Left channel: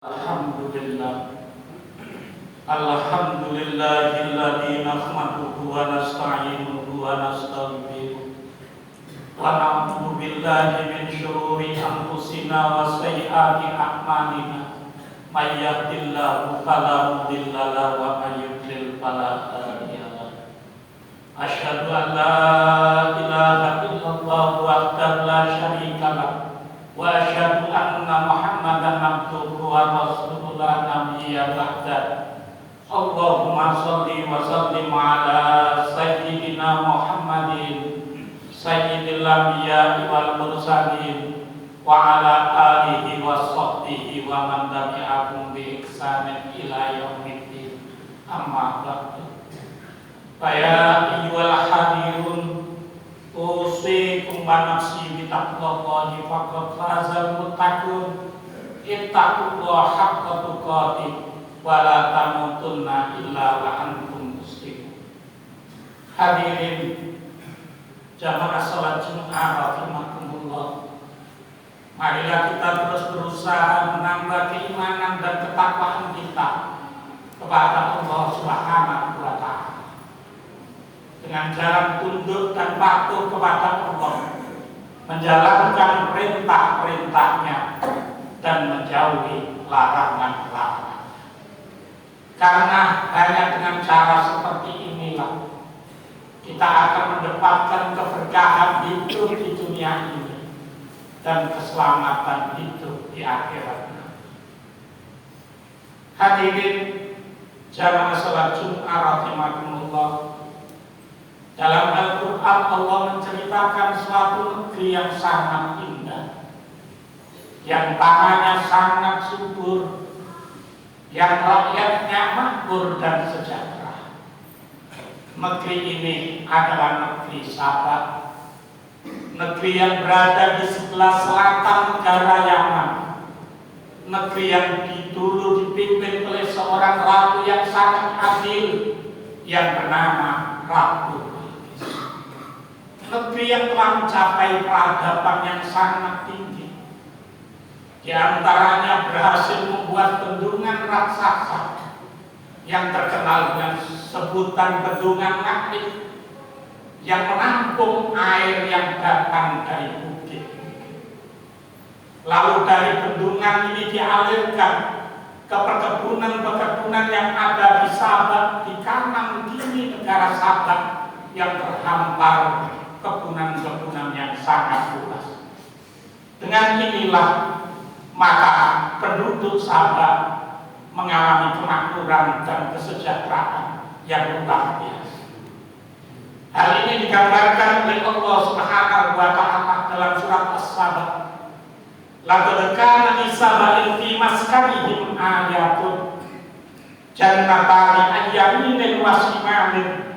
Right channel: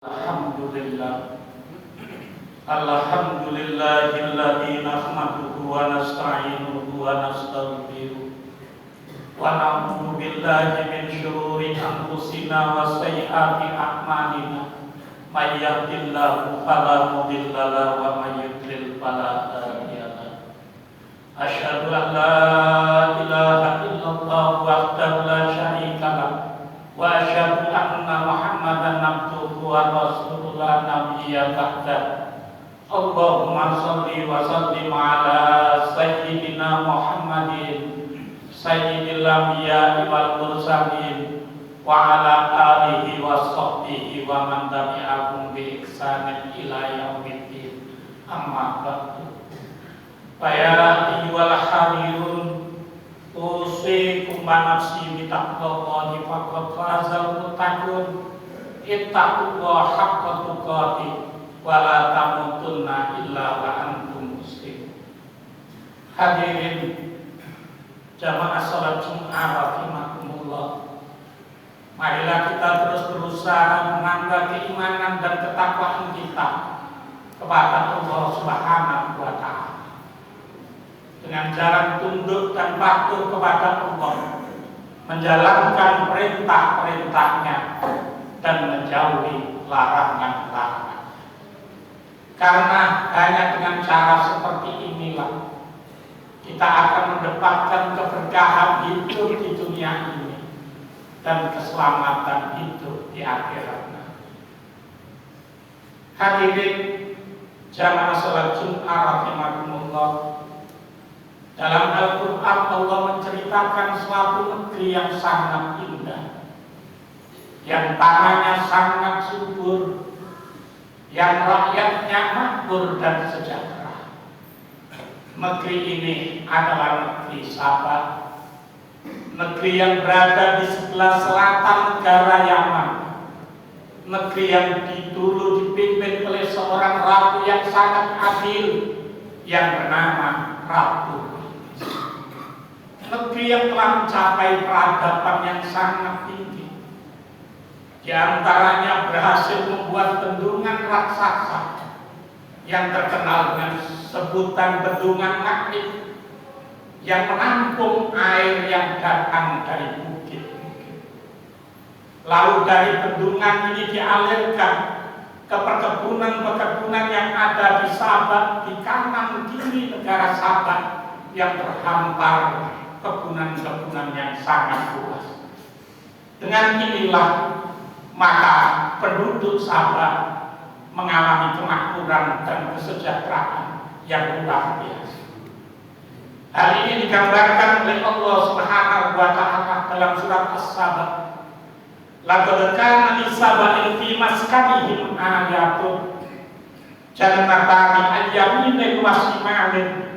Alhamdulillah. Alhamdulillahilladzi nahmaduhu wa nasta'inuhu wa nastaghfiruh wa na'udzu billahi min syururi anfusina wa sayyiati a'malina. May yahdihillahu fala mudilla lahu wa may yudlil fala hadiya lahu. Asyhadu an la ilaha illallah wahdahu la syarika lahu wa asyhadu anna Muhammadan abduhu wa rasuluhu la nabiyya ba'da. Allahumma shalli wa sallim ala sayyidina Muhammadin sayyidil anbiya'i wal mursalin wa ala alihi wa sahbihi wa man tabi'ahum bi ihsanin ila yaumiddin. Amma ba'du. Fa ya ayyuhal hadirun usikum wa nafsi bi taqwallahi faqad fazal muttaqun. Ittaqullaha haqqa tuqatih wa la tamutunna illa wa antum muslimun. Hadirin jamaah salat Jumat rahimakumullah. Marilah kita terus berusaha menambah keimanan dan ketakwaan kita kepada Allah Subhanahu wa taala dengan jalan tunduk dan patuh kepada Allah, menjalankan perintah-perintahnya dan menjauhi larangan-larangan. Karena hanya dengan cara seperti inilah kita akan mendapatkan keberkahan hidup di dunia ini dan keselamatan hidup di akhiratnya. Hadirin jamaah salat Jumat rahimakumullah. Dalam Al-Quran Allah menceritakan suatu negeri yang sangat indah, yang tanahnya sangat subur, yang rakyatnya makmur dan sejahtera. Negeri ini adalah negeri Sabah, negeri yang berada di sebelah selatan negara Yaman, negeri yang dulu dipimpin oleh seorang ratu yang sangat adil yang bernama Ratu. Negeri yang telah mencapai peradaban yang sangat tinggi. Di antaranya berhasil membuat bendungan raksasa yang terkenal dengan sebutan bendungan Nakhli yang menampung air yang datang dari bukit-bukit. Lalu dari bendungan ini dialirkan ke perkebunan-perkebunan yang ada di Sabah, di kanan kiri negara Sabah yang terhampar kebunan-kebunan yang sangat luas. Dengan inilah maka penduduk Sabah mengalami kemakmuran dan kesejahteraan yang luar biasa. Hal ini digambarkan oleh Allah Subhanahu wa taala dalam surat As-Sabah. Laqad kana li Saba'in fi maskanihim ayatun jannatani an yaminin wa shimalin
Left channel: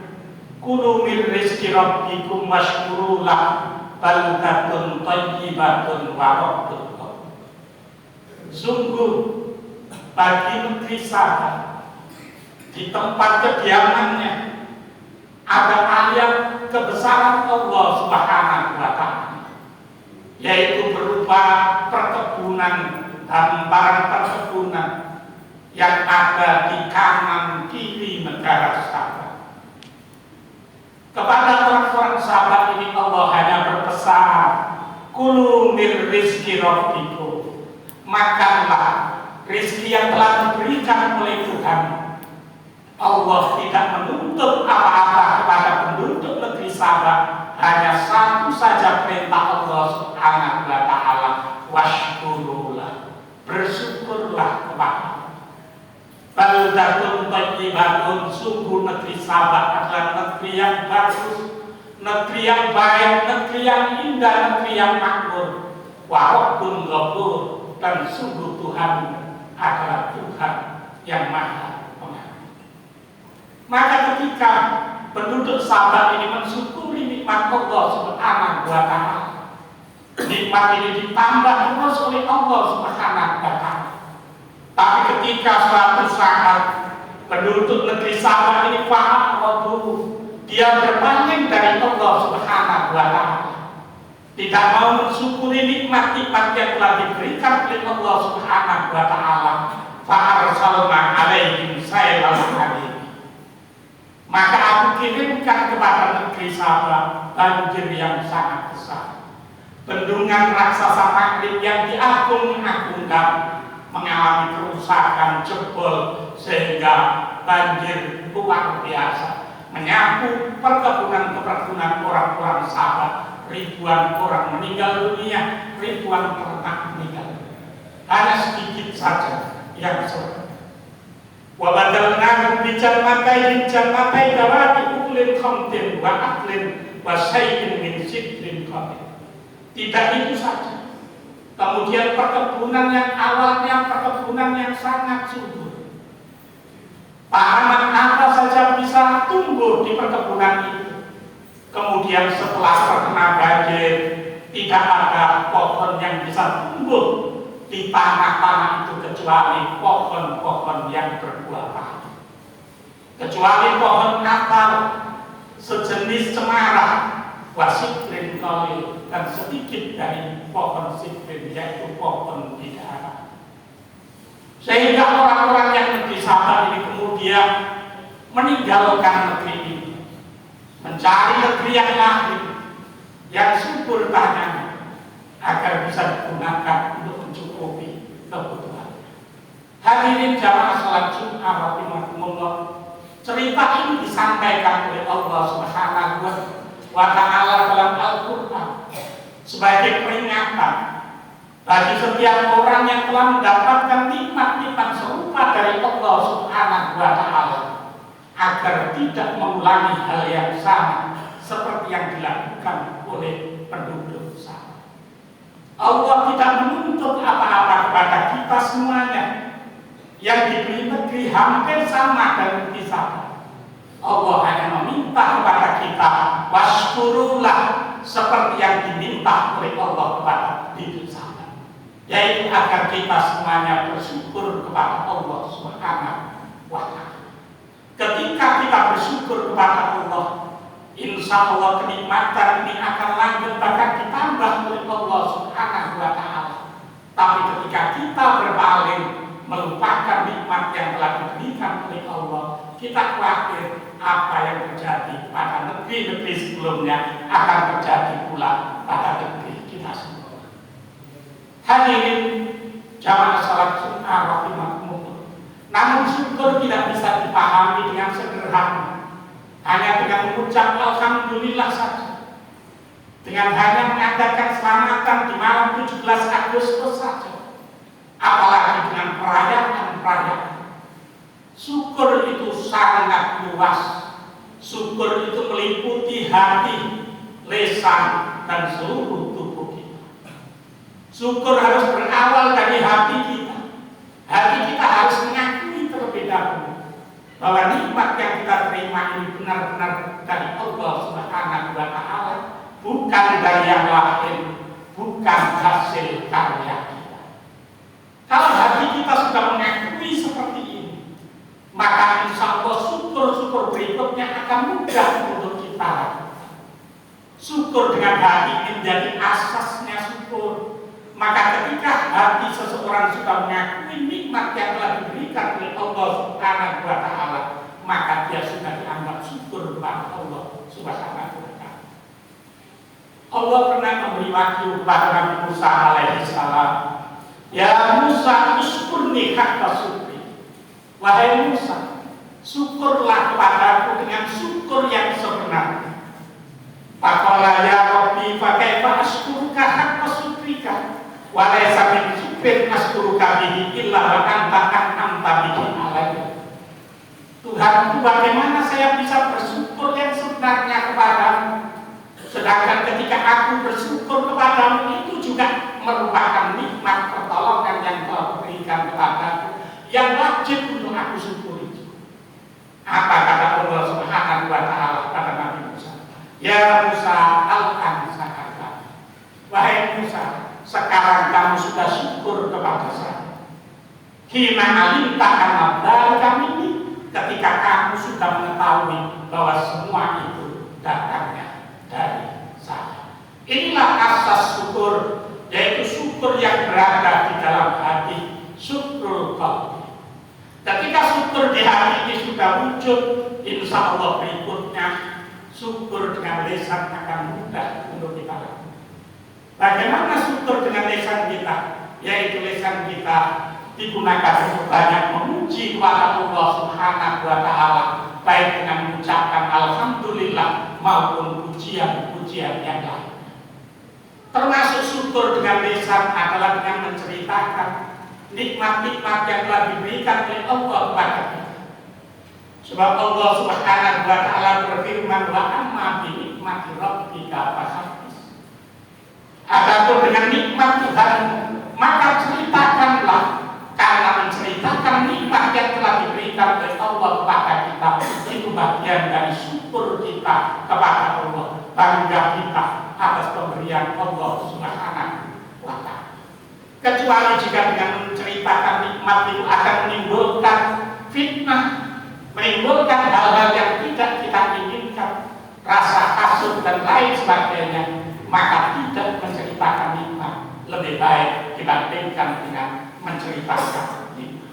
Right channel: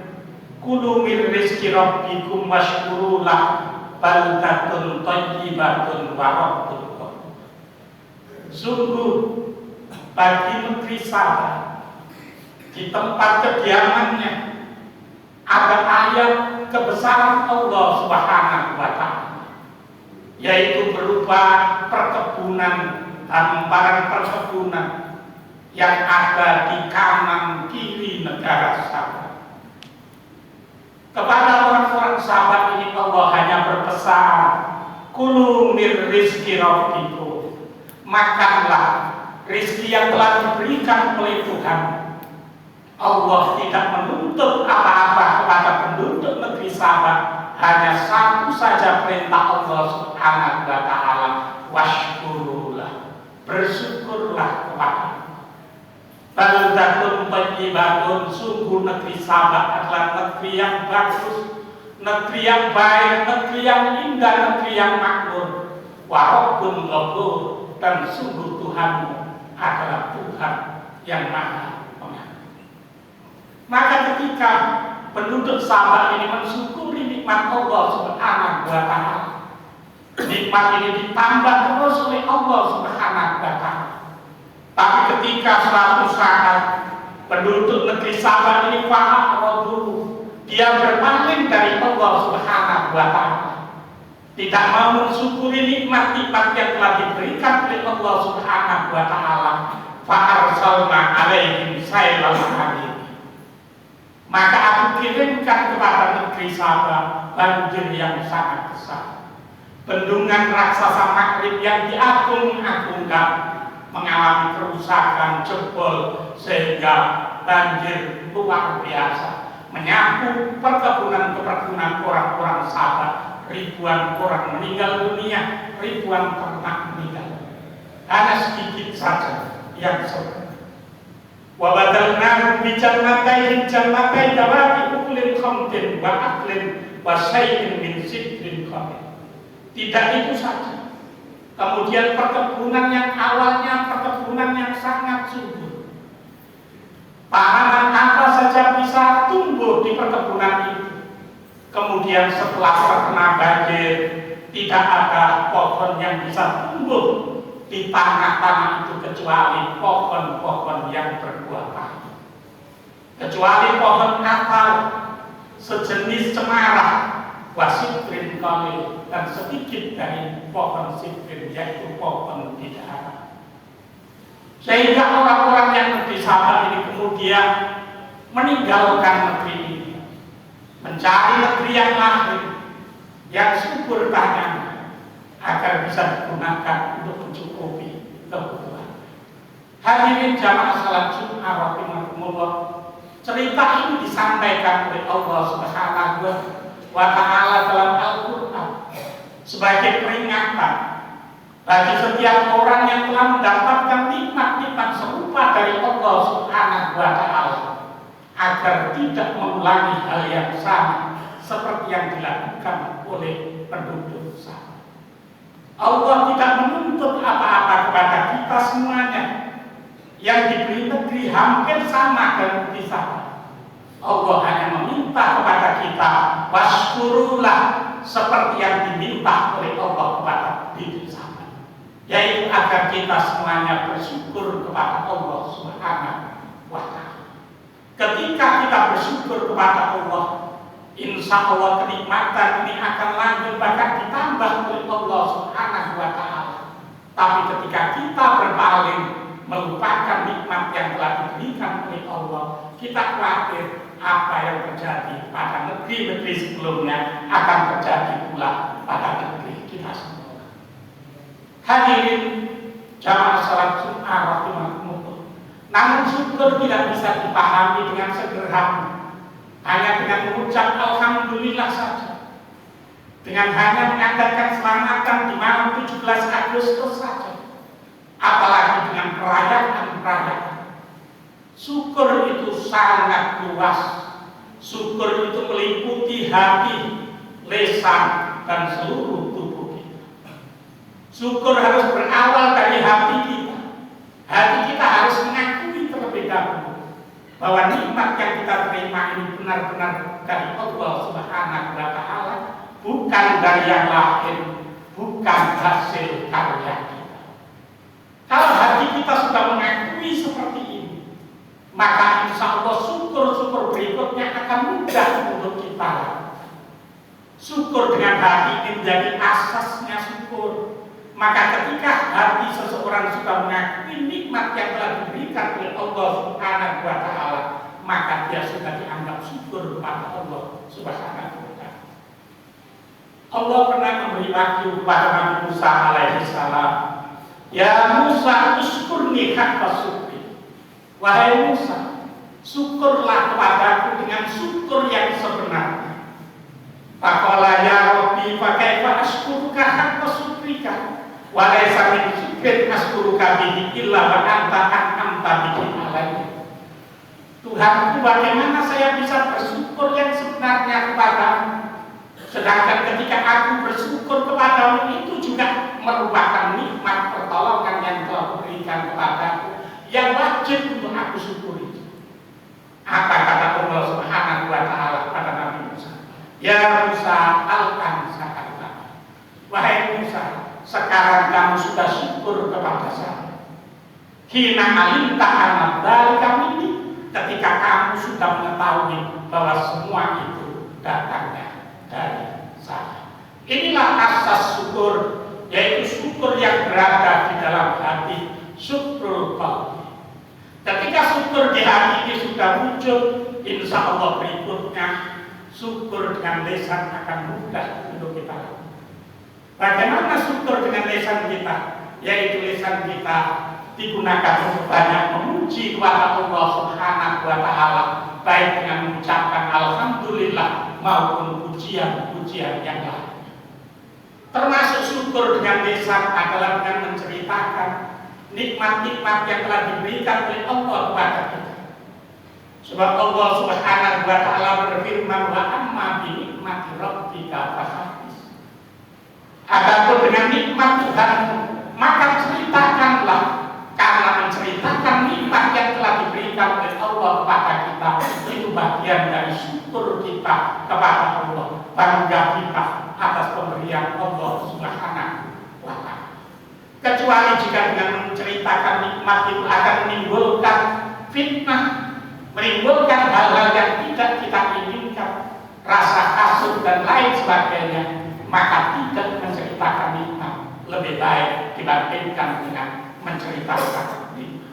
kulu min rizqi rabbikum washkuru lahu baldatun thayyibatun wa rabbun ghafur. Sungguh bagi negeri Sabah di tempat kediamannya ada ayat kebesaran Allah Subhanahu wa taala, yaitu berupa perkebunan, hamparan perkebunan yang ada di kanan kiri negara Sabah. Kepada orang-orang Sabah ini Allah hanya berpesan, kulu mir rizki rabbikum, makanlah rizki yang telah diberikan oleh Tuhan. Allah tidak menuntut apa-apa kepada penduduk negeri Sabah, hanya satu saja perintah Allah Subhanahu wa taala, washkurulah, bersyukurlah kepada baldatun thayyibatun. Sungguh negeri Sabah adalah negeri yang bagus, negeri yang baik, negeri yang indah, negeri yang makmur. Wa rabbun ghafur, dan sungguh Tuhan adalah Tuhan yang Maha Pengampun. Maka ketika penduduk Sabah ini mensyukuri nikmat Allah Subhanahu wa taala, nikmat ini ditambah terus oleh Allah Subhanahu wa taala. Tapi ketika suatu saat penduduk negeri Sabah ini paham dulu, dia berpaling dari Allah Subhanahu wa taala. tidak mau mensyukuri nikmat-nikmat yang telah diberikan oleh Allah Subhanahu wa taala, fa arsalna alaihim sailal harim. Maka aku kirimkan kepada negeri Sabah banjir yang sangat besar, bendungan raksasa Maghrib yang diagung-agungkan mengalami kerusakan, jebol, sehingga banjir luar biasa menyapu perkebunan-perkebunan orang-orang Sabah. Ribuan orang meninggal dunia, ribuan ternak meninggal. Hanya sedikit saja yang surga. Wa badalna bi jannatain dawati uklin khamtin wa aklin wa syai'in min sidrin khamtin. Tidak itu saja. Kemudian perkebunan yang awalnya perkebunan yang sangat subur, tanaman apa saja bisa tumbuh di perkebunan itu. Kemudian setelah terkena banjir, tidak ada pohon yang bisa tumbuh di tanah-tanah itu kecuali pohon-pohon yang berbuah pahit, kecuali pohon natal sejenis cemara, wasidrin qalil, dan sedikit dari pohon sidrin, yaitu pohon bidara. Sehingga orang-orang yang di Sabah ini kemudian meninggalkan negeri ini, mencari negeri yang lain, yang subur tanahnya, agar bisa digunakan untuk mencukupi kebutuhan. Hadirin jamaah salat Jumat rahimakumullah, cerita ini disampaikan oleh Allah Subhanahu wa taala dalam Al-Qur'an sebagai peringatan bagi setiap orang yang telah mendapatkan nikmat-nikmat serupa dari Allah Subhanahu wa taala, agar tidak mengulangi hal yang sama seperti yang dilakukan oleh penduduk Sabah. Allah tidak menuntut apa-apa kepada kita semuanya yang diberi negeri hampir sama dengan kita. Allah hanya meminta kepada kita waskurullah seperti yang diminta oleh Allah kepada diri Sabah, yaitu agar kita semuanya bersyukur kepada Allah Subhanahu wa taala. Ketika kita bersyukur kepada Allah, insya Allah kenikmatan ini akan lanjut bahkan ditambah oleh Allah Subhanahu wa taala. Tapi ketika kita berpaling melupakan nikmat yang telah diberikan oleh Allah, kita khawatir apa yang terjadi pada negeri-negeri sebelumnya akan terjadi pula pada negeri kita semua. Hadirin jamaah salat Jumat rahimakumullah, namun syukur tidak bisa dipahami dengan sederhana, hanya dengan mengucap alhamdulillah saja, dengan hanya mengadakan selamatan di malam 17 Agustus saja, apalagi dengan perayaan-perayaan. Syukur itu sangat luas. Syukur itu meliputi hati, lisan, dan seluruh tubuh kita. Syukur harus berawal dari hati kita. Hati kita harus mengakui terlebih dahulu bahwa nikmat yang kita terima ini benar-benar dari Allah Subhanahu wa taala, bukan dari yang lain, bukan hasil karya kita. Kalau hati kita sudah mengakui seperti ini, maka insya Allah syukur-syukur berikutnya akan mudah untuk kita lakukan. Syukur dengan hati menjadi asasnya syukur. Maka ketika hati seseorang sudah mengakui nikmat yang telah diberikan oleh Allah Subhanahu wa taala, maka dia sudah dianggap syukur kepada Allah Subhanahu wa taala. Allah pernah memberi wahyu kepada Nabi Musa alaihi salam, "Ya Musa, uskurni haqqa syukri." Wahai Musa, syukurlah kepadaku dengan syukur yang sebenarnya. Faqala ya Rabbi fa kaifa ashkuruka haqqa syukrika wa laysa min syukrin ashkuruka bihi illa wa anta an'amta bihi alayya. Tuhanku, bagaimana saya bisa bersyukur yang sebenarnya kepadamu, sedangkan ketika aku bersyukur kepadamu itu juga merupakan nikmat pertolongan yang Kau berikan kepadaku yang wajib untuk aku syukuri. Apa kata Allah Subhanahu wa taala pada Nabi Musa? Ya Musa, alkan sakarta. Wahai Musa, sekarang kamu sudah syukur kepada saya. Hina alimta kana dzalika minni, ketika kamu sudah mengetahui bahwa semua itu datangnya dari saya. Inilah asas syukur, yaitu syukur yang berada di dalam hati, syukur qalbi. Ketika syukur di hati ini sudah wujud, insya Allah berikutnya syukur dengan lisan akan mudah untuk kita lakukan. Bagaimana syukur dengan lisan kita? Yaitu lisan kita digunakan untuk banyak memuji kepada Allah Subhanahu wa Ta'ala, baik dengan mengucapkan alhamdulillah maupun pujian-pujian yang lain. Termasuk syukur dengan lisan adalah dengan menceritakan nikmat-nikmat yang telah diberikan oleh Allah kepada kita. Sebab Allah Subhanahu wa Ta'ala berfirman, wa amma bi nikmati rabbika fahaddits. Adapun dengan nikmat Tuhanmu, maka ceritakanlah, karena menceritakan nikmat yang telah diberikan oleh Allah kepada kita itu bagian dari syukur kita kepada Allah, bangga kita atas pemberian Allah Subhanahu wa Ta'ala. Kecuali jika dengan menceritakan nikmat itu akan menimbulkan fitnah, menimbulkan hal-hal yang tidak kita inginkan, rasa hasud dan lain sebagainya, maka tidak menceritakan nikmat lebih baik dibandingkan dengan menceritakan nikmat.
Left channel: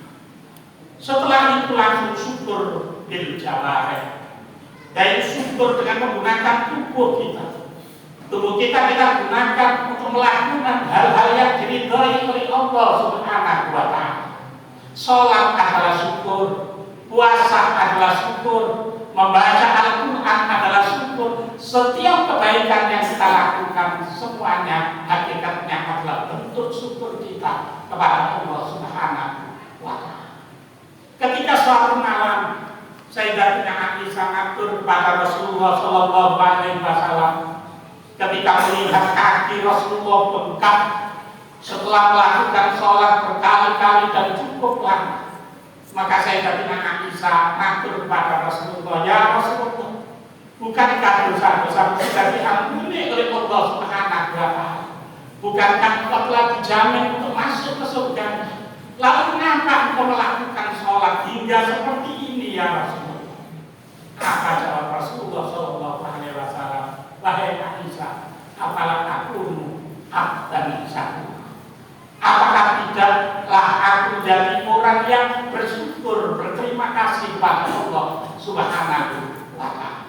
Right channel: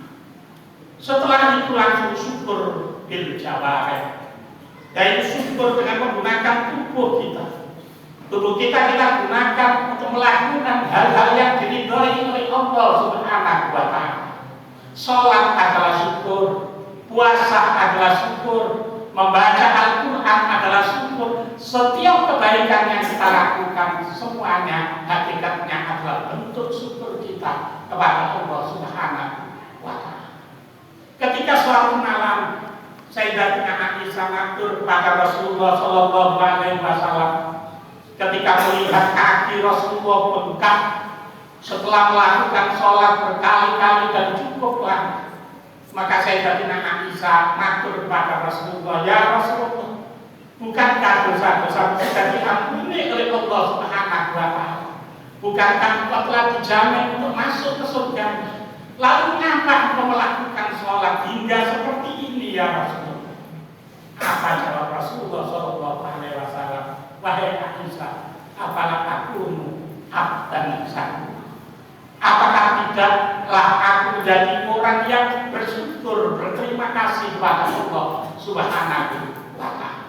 Setelah itu langsung syukur bil jawarih, yaitu syukur dengan menggunakan tubuh kita. Tubuh kita gunakan untuk melakukan hal-hal yang diridhai oleh Allah Subhanahu wa Ta'ala. Sholat adalah syukur, puasa adalah syukur, membaca Al-Quran adalah syukur. Setiap kebaikan yang kita lakukan semuanya hakikatnya adalah bentuk syukur kita kepada Allah Subhanahu wa Ta'ala. Ketika suatu malam Sayyidatina Aisyah ngatur kepada Rasulullah Sallallahu Alaihi Wasallam, ketika melihat kaki Rasulullah bengkak setelah melakukan sholat berkali-kali dan cukup lama, maka Sayyidatina Aisyah ngatur kepada Rasulullah, ya Rasulullah, bukankah dosa-dosa sudah diampuni oleh Allah Subhanahu wa Ta'ala? Bukankah engkau telah dijamin untuk masuk ke surga? Lalu mengapa engkau melakukan sholat hingga seperti ini ya Rasulullah? Apa jawab Rasulullah Sallallahu Alaihi Wasallam? Wahai Aisyah, apalah takunu abdan syakur? Apakah tidaklah aku menjadi orang yang bersyukur, berterima kasih kepada Allah Subhanahu wa Ta'ala?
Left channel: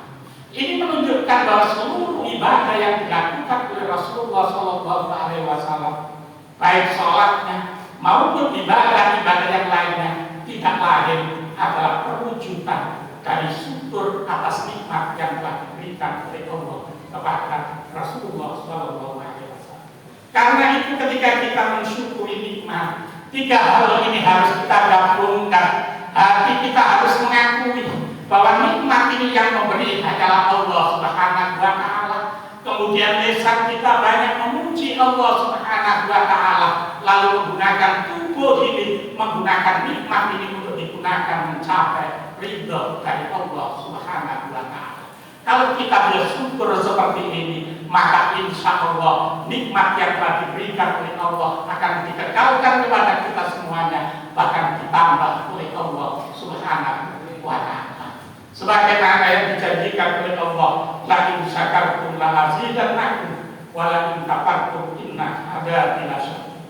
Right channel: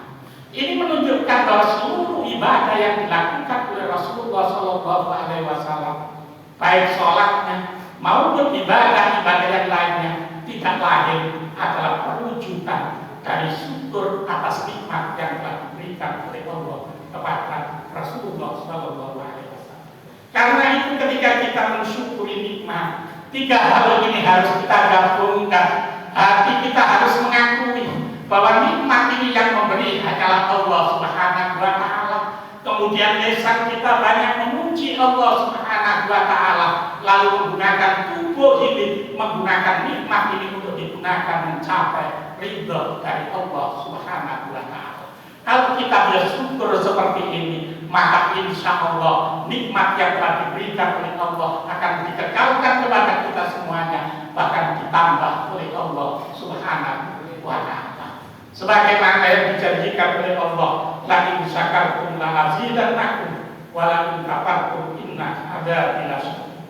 Ini menunjukkan bahwa seluruh ibadah yang dilakukan oleh Rasulullah Sallallahu Alaihi Wasallam, baik sholatnya maupun ibadah-ibadah yang lainnya, tidak lain adalah perwujudan dari syukur atas nikmat yang telah diberikan oleh Allah kepada Rasulullah Sallallahu Alaihi Wasallam. Karena itu ketika kita mensyukuri nikmat, tiga hal ini harus kita gabungkan. Hati kita harus mengakui bahwa nikmat ini yang memberi hanyalah Allah Subhanahu wa Ta'ala. Kemudian lisan kita banyak memuji Allah Subhanahu wa Ta'ala, lalu menggunakan tubuh ini, menggunakan nikmat ini untuk digunakan mencapai ridho dari Allah Subhanahu wa Ta'ala. Kalau kita bersyukur seperti ini, maka insya Allah nikmat yang telah diberikan oleh Allah akan dikekalkan kepada kita semuanya, bahkan ditambah oleh Allah Subhanahu wa Ta'ala. Sebagaimana yang dijanjikan oleh Allah, la in syakartum la azidannakum wa la in kafartum inna adzabi lasyadid.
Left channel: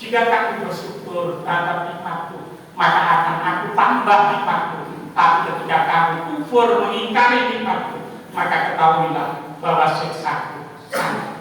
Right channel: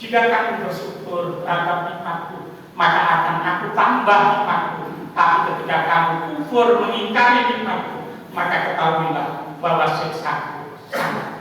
Jika kamu bersyukur terhadap nikmatku, maka akan aku tambah nikmatku. Tapi ketika kamu kufur mengingkari nikmatku, maka ketahuilah bahwa siksaku sangat.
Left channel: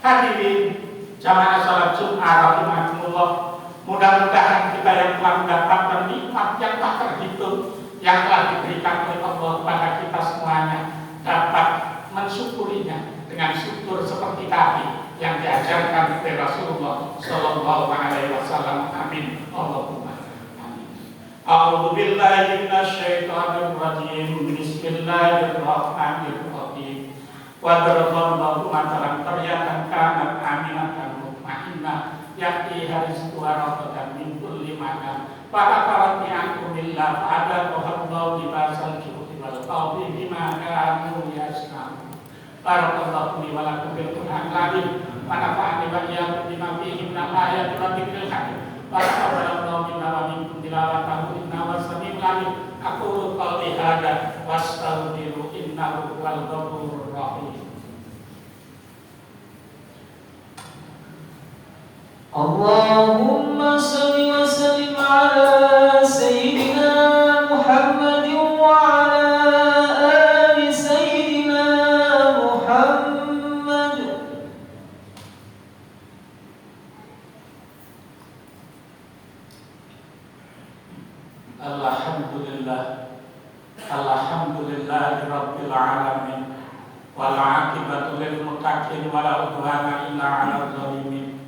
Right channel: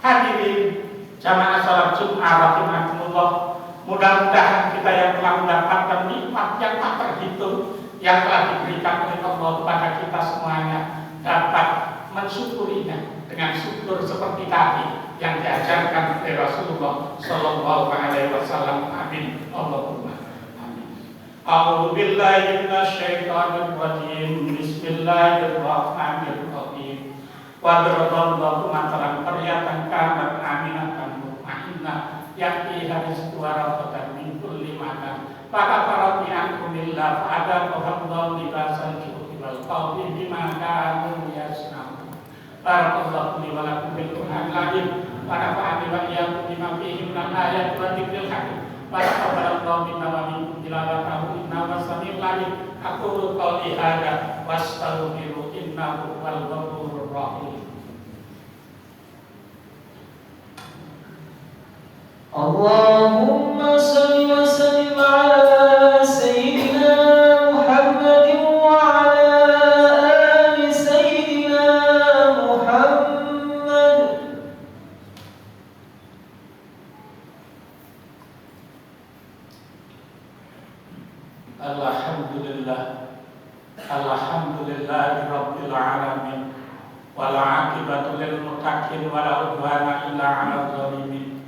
Hadirin jamaah salat Jumat rahimakumullah, mudah-mudahan kita yang telah mendapatkan nikmat yang tak terhitung yang telah diberikan oleh Allah kepada kita semuanya dapat mensyukurinya dengan syukur seperti tadi yang diajarkan oleh Rasulullah Sallallahu Alaihi Wasallam. Amin. Allahumma amin. A'udzu billahi minasyaitonir rajim. Bismillahirrahmanirrahim. Wa daraballahu matalan qaryatan kanat aminatan mutmainnah ya'tiha rizquha ragadan min kulli makan fakafarat bi'anhumillah fa'adaqahallahu libasal ju'i wal khawfi bima kanu yasna'un. Barakallahu li wa lakum bil Qur'anil azim wa nafa'ani wa iyyakum bima fihi minal ayati wa dzikril hakim. Barakallahu minna wa minkum tilawatahu innahu was-sami'ul 'alim. Aqulu qawli hadza wastaghfiru innahu wal ghafurur rahim. اللهم صل وسلم على سيدنا محمد وعلى آل سيدنا محمد. Alhamdulillah, alhamdulillahi rabbil alamin, wal aqibatu lil muttaqin wa la udwana illa 'alal zalimin.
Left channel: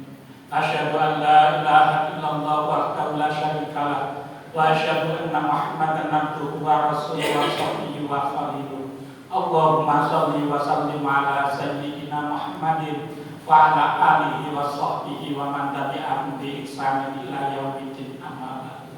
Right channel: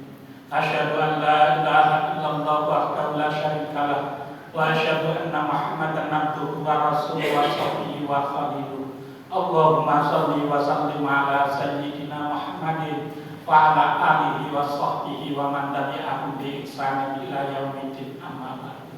Asyhadu an la ilaha illallah wahdahu la syarika lah wa asyhadu anna Muhammadan abduhu wa rasuluhu wa sahbihi wa khaliluh. Allahumma shalli wa sallim ala sayyidina Muhammadin wa ala alihi wa sahbihi wa man tabi'ahum bi ihsanin ila yaumiddin, amma ba'du.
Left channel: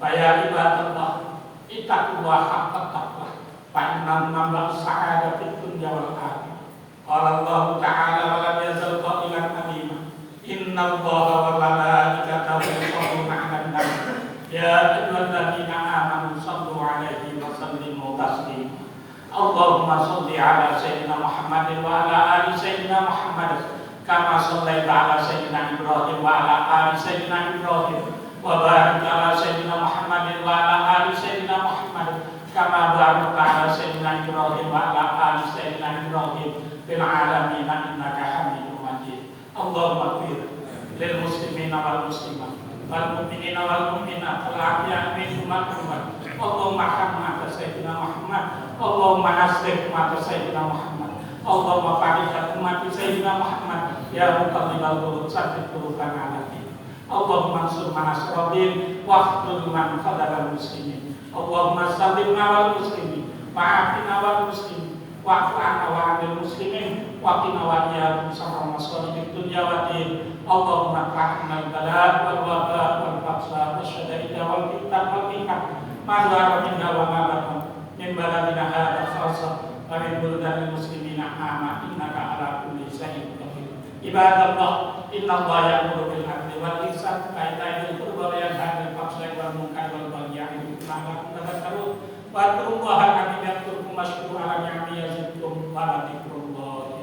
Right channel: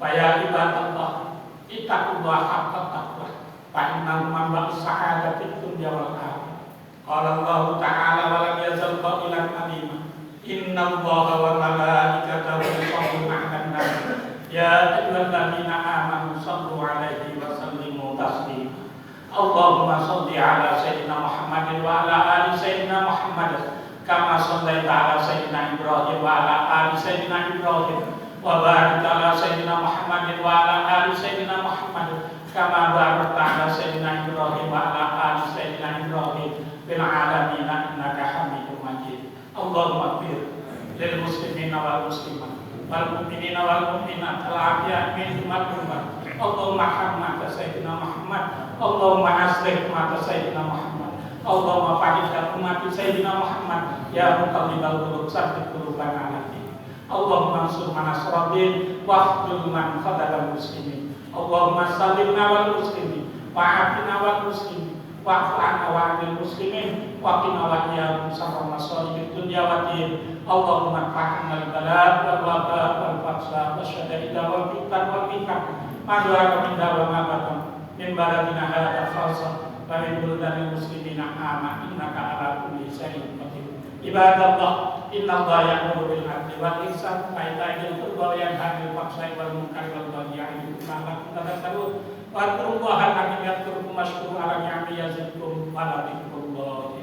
Ya ibadallah, ittaqullah haqqa taqwah fa innal mamla sa'adatid dunya wal akhirah. Qala Allah ta'ala wa lam yazal qailan alima. Inna Allaha wa malaikatahu yusholluna 'alan nabi ya ayyuhalladzina amanu shallu 'alaihi wa sallimu taslima. Allahumma shalli 'ala sayyidina Muhammadin wa 'ala ali sayyidina Muhammad kama shallaita 'ala sayyidina Ibrahim wa 'ala ali sayyidina Ibrahim wa barik 'ala sayyidina Muhammadin wa 'ala ali sayyidina Muhammad kama barakta 'ala sayyidina Ibrahim wa 'ala ali sayyidina Ibrahim fil 'alamin innaka Hamidum Majid. Allahumma ighfir lil muslimina wal muslimat wal mu'minina wal mu'minat wal ahya'i minhum wal amwat. Allahumma hamma sayyidina Muhammad, Allahumma aslih mata sayyidina Muhammad, Allahumma fa'idha umat sayyidina Muhammad, ya muqallibal qulub tsabbit qulubana 'ala dinik. Allahumma ansur man nasrabin wa khudh man khadal muslimin. Allahumma sallimna wal muslimin wa afina wal muslimin wa'fu 'anna wa 'anil muslimin wa qina wa iyyakum syarra masalihid dunya wa din. Allahumma ta'ammil bala wal waba wal faqsa wasyada'ida wal fitan wal hikam madwa min dawa mabatan min baladina hadha khassa wa min buldanil muslimina amma innaka ala kulli syai'in qadir. Ibadallah, innallaha ya'muru bil 'adli wal ihsan wa ita'i dzil qurba wa yanha 'anil fahsya'i wal munkari wal baghi ya'idukum la'allakum tadhakkarun. Wa adkurullaha al-'azim yadhkurkum washkuru 'ala ni'amihi yazidkum wa la dzikrullahi